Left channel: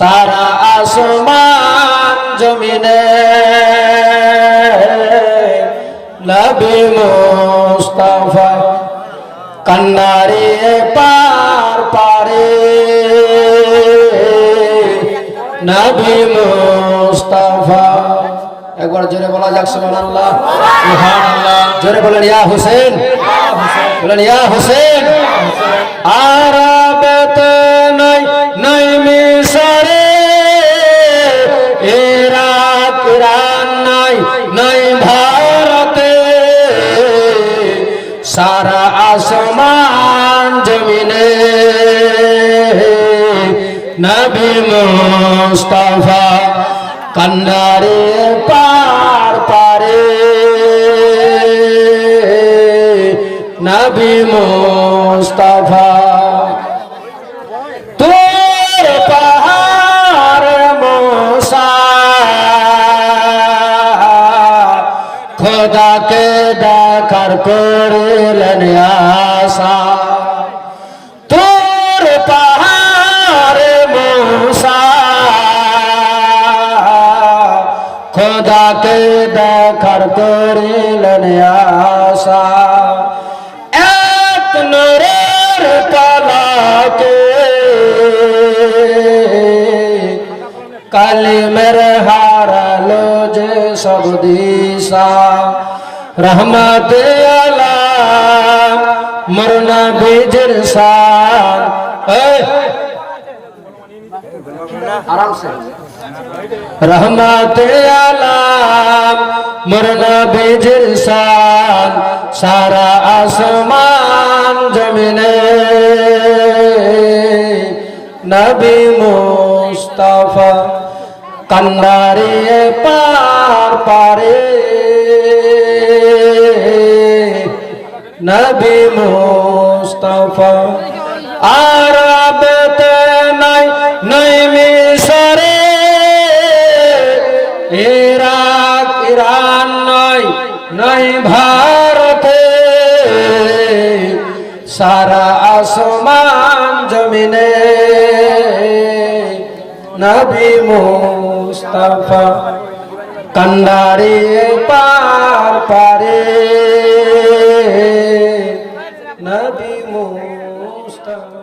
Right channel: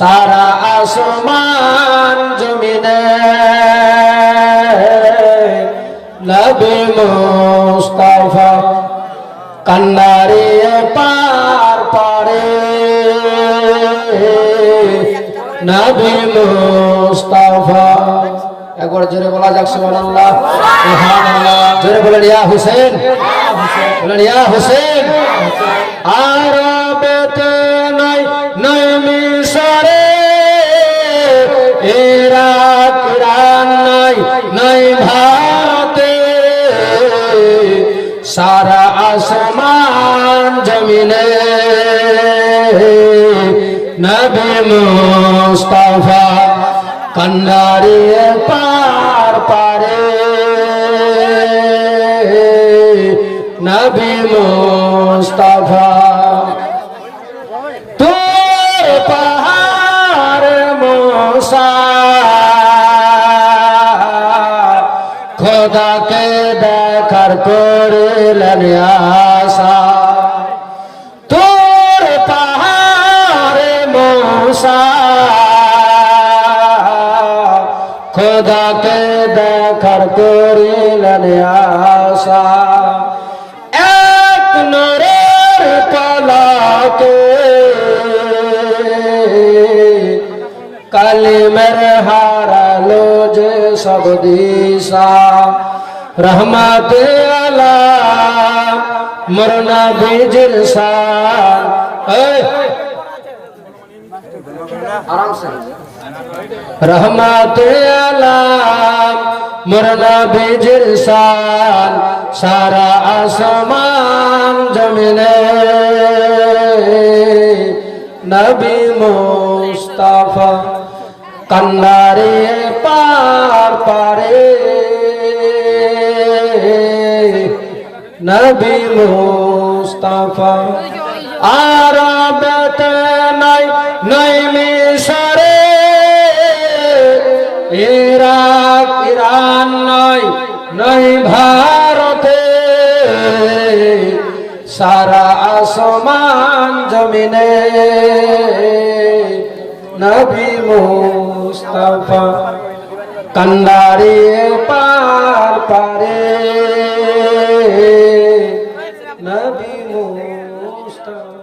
সারা আসমান জমিনে নবী মুস্তাফা কান্নারে পার পারে নবী মুস্তাফা একবার জোরে বলা যাক সুবহানাল্লাহ সুবহানাল্লাহ জোরে বলেন ইয়া হোসেন বলেন ইয়া হোসেন আরবেতে নাই নাই মিশরে ইরাক ইরান নাই নাই ভারতে সারা আসমান জমিনে নবী মুস্তাফা কান্নারে পার পারে নবী মুস্তাফা তোর পাহাড় মুসা খোদাকে দেখার করলেন আশা তোর পাহাড় মুসা খোদাকে দেখার করিলেন আশা এক নূরের পলকে কালিমের হারালো যে সব দিশা রহমতে আলাম মোর নবীজির শান আরাম সে রহমতে আলাম মোর নবীজির শান সারা আসমান জমিনে নবী মুস্তাফা কান্নারে পার পারে নবী মুস্তাফা আরবেতে নাই নাই মিশরে ইরাক ইরান নাই নাই ভারতে সারা আসমান জমিনে নবী মুস্তাফা কান্নারে পার পারে নবী মুস্তাফা